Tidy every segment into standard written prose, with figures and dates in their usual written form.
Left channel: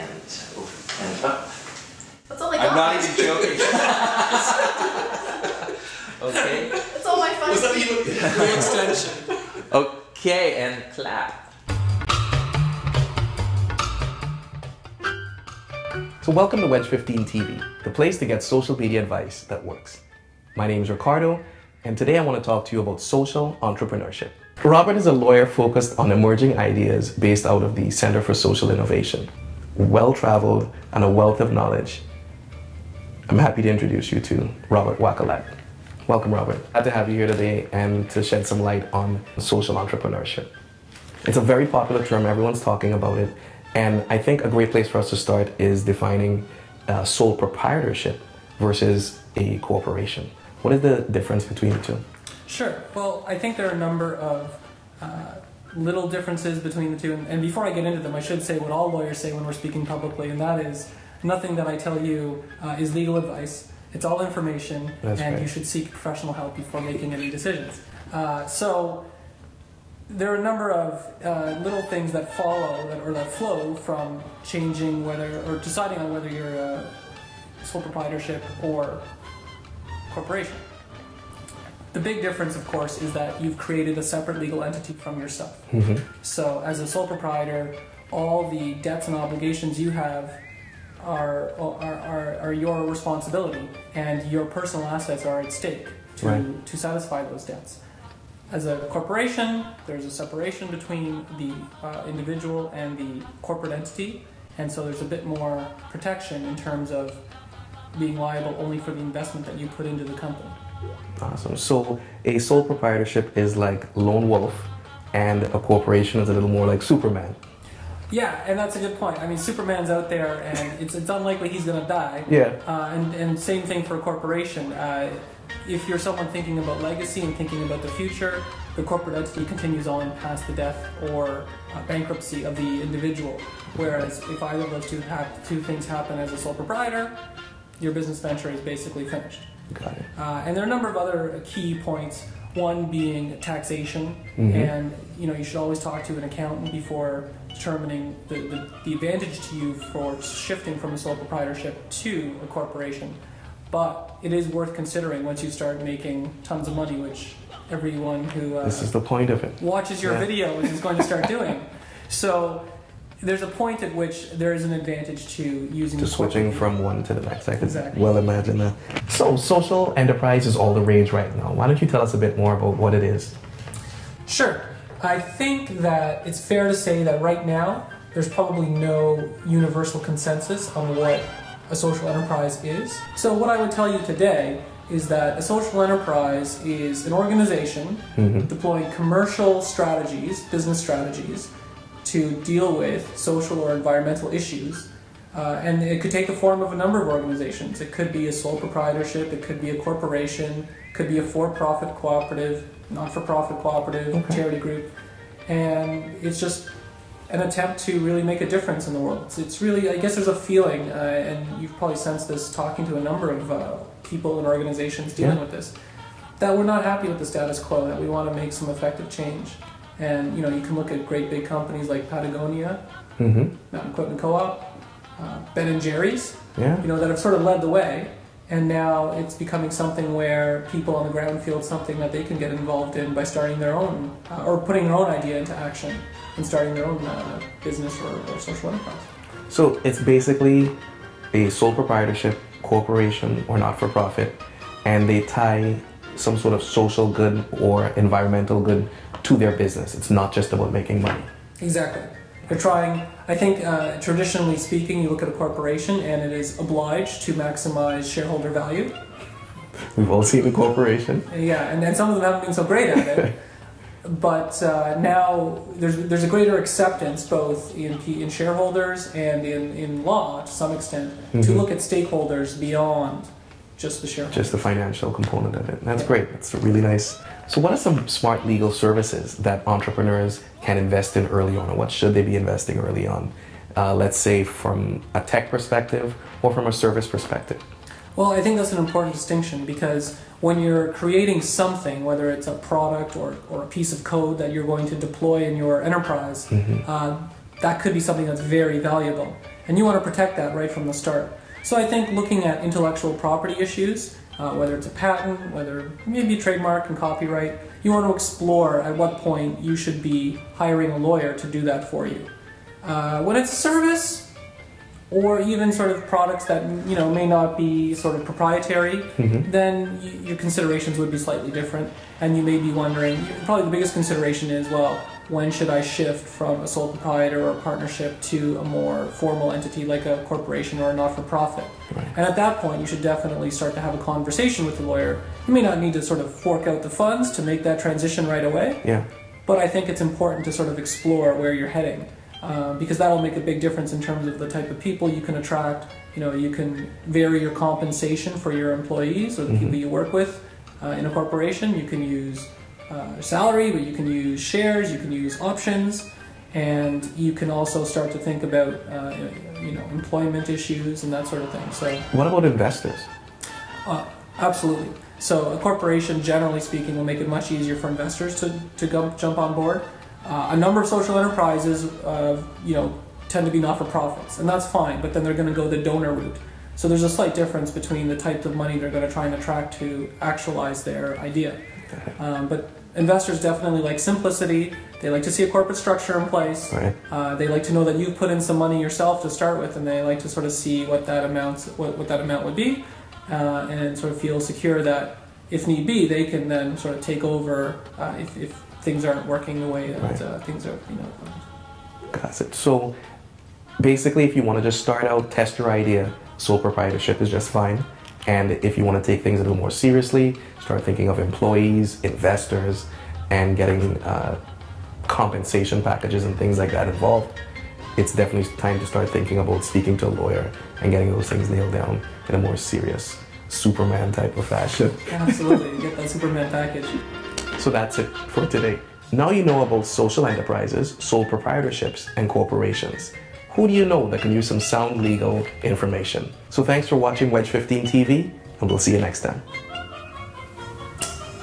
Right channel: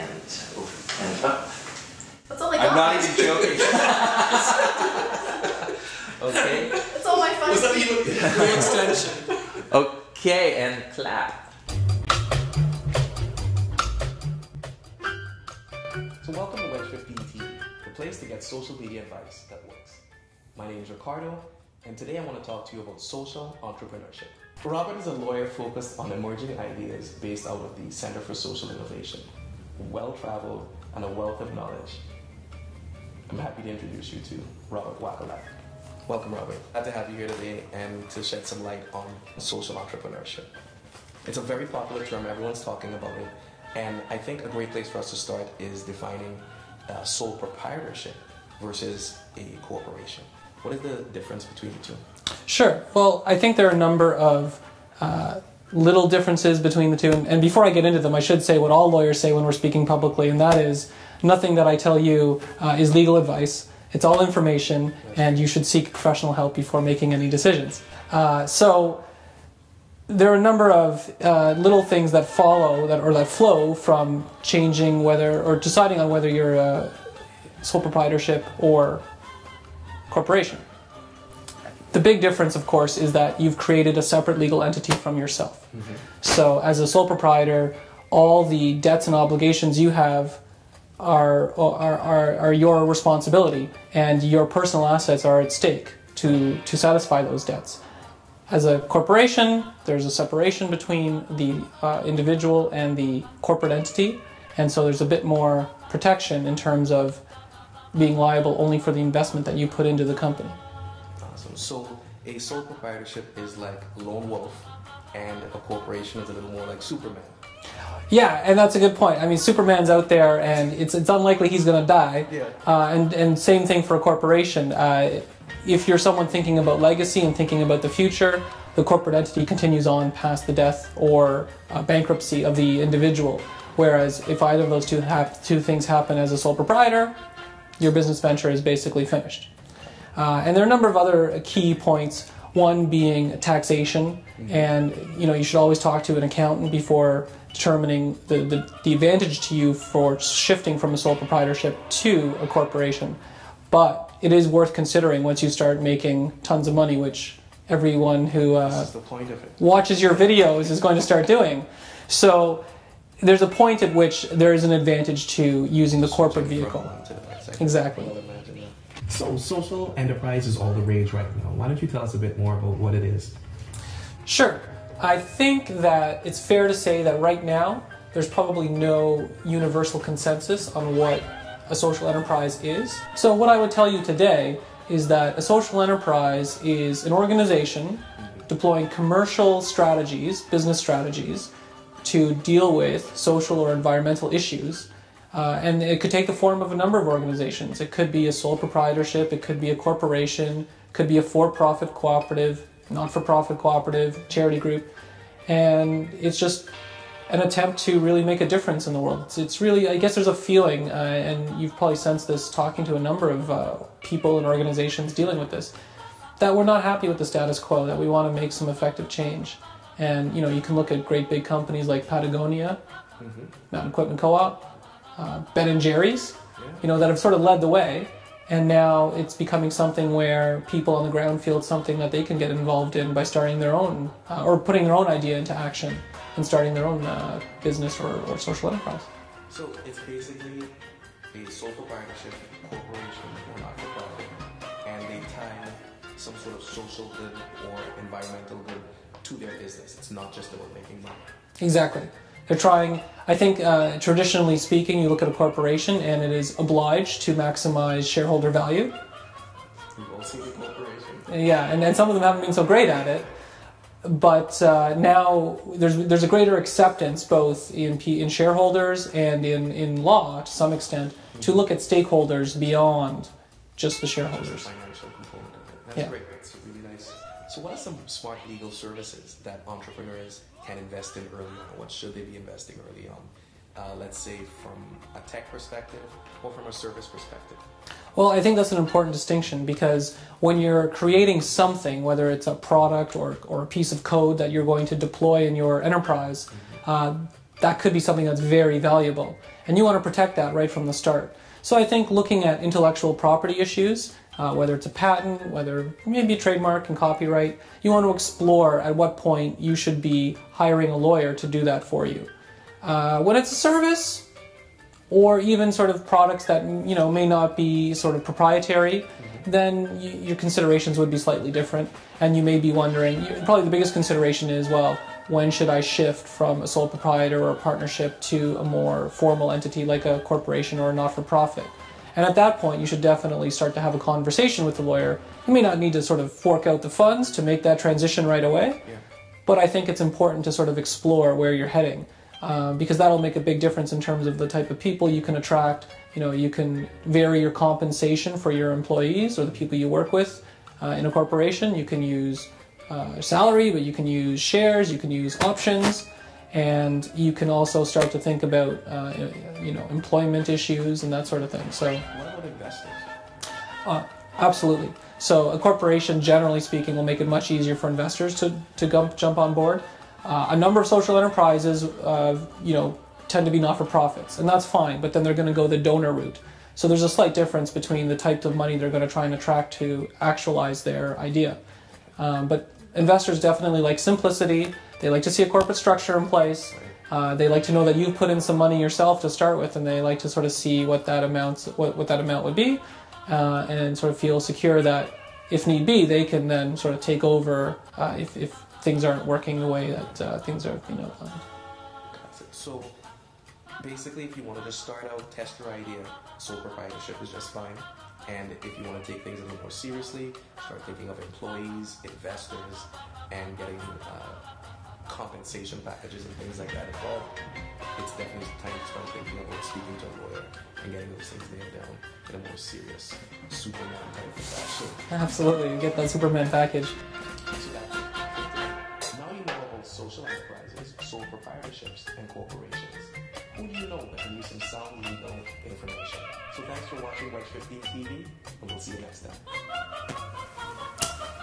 and up. That's all I got. I'm not even joking. Okay. That's all my fun. Was that even the extension? Okay, and clap. So welcome to Wedge 15 TV, the place to get social media advice that works. My name is Ricardo, and today I want to talk to you about social entrepreneurship. Robert is a lawyer focused on emerging ideas based out of the Center for Social Innovation. Well-traveled and a wealth of knowledge. I'm happy to introduce you to Robert Wakulat. Welcome, Robert. Glad to have you here today and to shed some light on social entrepreneurship. It's a very popular term, everyone's talking about it, and I think a great place for us to start is defining sole proprietorship versus a corporation. What is the difference between the two? Sure. Well, I think there are a number of little differences between the two. And before I get into them, I should say what all lawyers say when we're speaking publicly, and that is nothing that I tell you is legal advice. It's all information, and you should seek professional help before making any decisions. So there are a number of little things that follow that flow from changing whether or deciding on whether you're a sole proprietorship or corporation. The big difference, of course, is that you've created a separate legal entity from yourself. Mm-hmm. So as a sole proprietor, all the debts and obligations you have are your responsibility, and your personal assets are at stake to satisfy those debts. As a corporation, there's a separation between the individual and the corporate entity, and so there's a bit more protection in terms of being liable only for the investment that you put into the company. Awesome. So a sole proprietorship is like lone wolf, and a corporation is a little more like Superman. Yeah, and that's a good point. I mean, Superman's out there, and it's unlikely he's going to die. Yeah. And same thing for a corporation. If you're someone thinking about legacy and thinking about the future, the corporate entity continues on past the death or bankruptcy of the individual. Whereas if either of those two things happen as a sole proprietor, your business venture is basically finished. Got it. And there are a number of other key points. One being taxation, and you should always talk to an accountant before determining the advantage to you for shifting from a sole proprietorship to a corporation. But it is worth considering once you start making tons of money, which everyone who this is the point of it. Watches your videos is going to start doing. So there's a point at which there is an advantage to using the corporate switching vehicle. from one to the next. I can Exactly. well imagine that. So social enterprise is all the rage right now. Why don't you tell us a bit more about what it is? Sure. I think that it's fair to say that right now there's probably no universal consensus on what a social enterprise is. So what I would tell you today is that a social enterprise is an organization deploying commercial strategies, business strategies, to deal with social or environmental issues. And it could take the form of a number of organizations. It could be a sole proprietorship, it could be a corporation, it could be a for-profit cooperative, not-for-profit cooperative, charity group. And it's just an attempt to really make a difference in the world. It's really, I guess there's a feeling, and you've probably sensed this talking to a number of people and organizations dealing with this, that we're not happy with the status quo, that we want to make some effective change. And you can look at great big companies like Patagonia, Mountain Equipment Co-op, Ben & Jerry's, that have sort of led the way. And now it's becoming something where people on the ground feel it's something that they can get involved in by starting their own, or putting their own idea into action and starting their own business or social enterprise. So it's basically a sole proprietorship, corporation, or not-for-profit, and they tie some sort of social good or environmental good to their business. It's not just about making money. Exactly. They're trying, I think, traditionally speaking, you look at a corporation and it is obliged to maximize shareholder value. We've all seen a corporation. Yeah, and some of them haven't been so great at it. But now there's a greater acceptance both in shareholders and in law, to some extent, to look at stakeholders beyond just the shareholders. Just the financial component of it. That's great. That's really nice. So what are some smart legal services that entrepreneurs can invest in early on, or what should they be investing early on? Let's say from a tech perspective or from a service perspective. Well, I think that's an important distinction, because when you're creating something, whether it's a product or a piece of code that you're going to deploy in your enterprise, that could be something that's very valuable. And you want to protect that right from the start. So I think looking at intellectual property issues, whether it's a patent, whether maybe a trademark and copyright, you want to explore at what point you should be hiring a lawyer to do that for you. When it's a service, or even sort of products that may not be sort of proprietary, then your considerations would be slightly different, and you may be wondering, probably the biggest consideration is, well, when should I shift from a sole proprietor or a partnership to a more formal entity like a corporation or a not-for-profit? Right. And at that point, you should definitely start to have a conversation with the lawyer. You may not need to sort of fork out the funds to make that transition right away, but I think it's important to sort of explore where you're heading. Because that'll make a big difference in terms of the type of people you can attract. You can vary your compensation for your employees or the people you work with in a corporation. You can use salary, but you can use shares, you can use options, and you can also start to think about employment issues and that sort of thing. So, what about investors? Absolutely. So a corporation, generally speaking, will make it much easier for investors to jump on board. A number of social enterprises, tend to be not-for-profits, and that's fine, but then they're going to go the donor route. So there's a slight difference between the type of money they're going to try and attract to actualize their idea. But investors definitely like simplicity. They like to see a corporate structure in place. Right. They like to know that you've put in some money yourself to start with, and they like to sort of see what that amount would be, and sort of feel secure that, if need be, they can then sort of take over if things aren't working the way that things are, Got it. So basically, if you want to just start out, test your idea, sole proprietorship is just fine. And if you want to take things a little more seriously, start thinking of employees, investors, and getting compensation packages and things like that involved, it's definitely time to start thinking about speaking to a lawyer and getting those things nailed down in a more serious Superman type of fashion. Absolutely, you get that Superman package. So that's it for today. Now you know about social enterprises, sole proprietorships, and corporations. Who do you know that can use some sound legal information? So thanks for watching Wedge 15 TV, and we'll see you next time.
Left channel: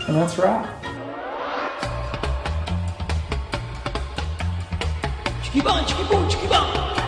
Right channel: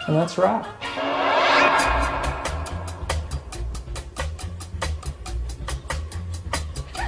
And that's a wrap. Chicky bang, chicky boom, chicky bang.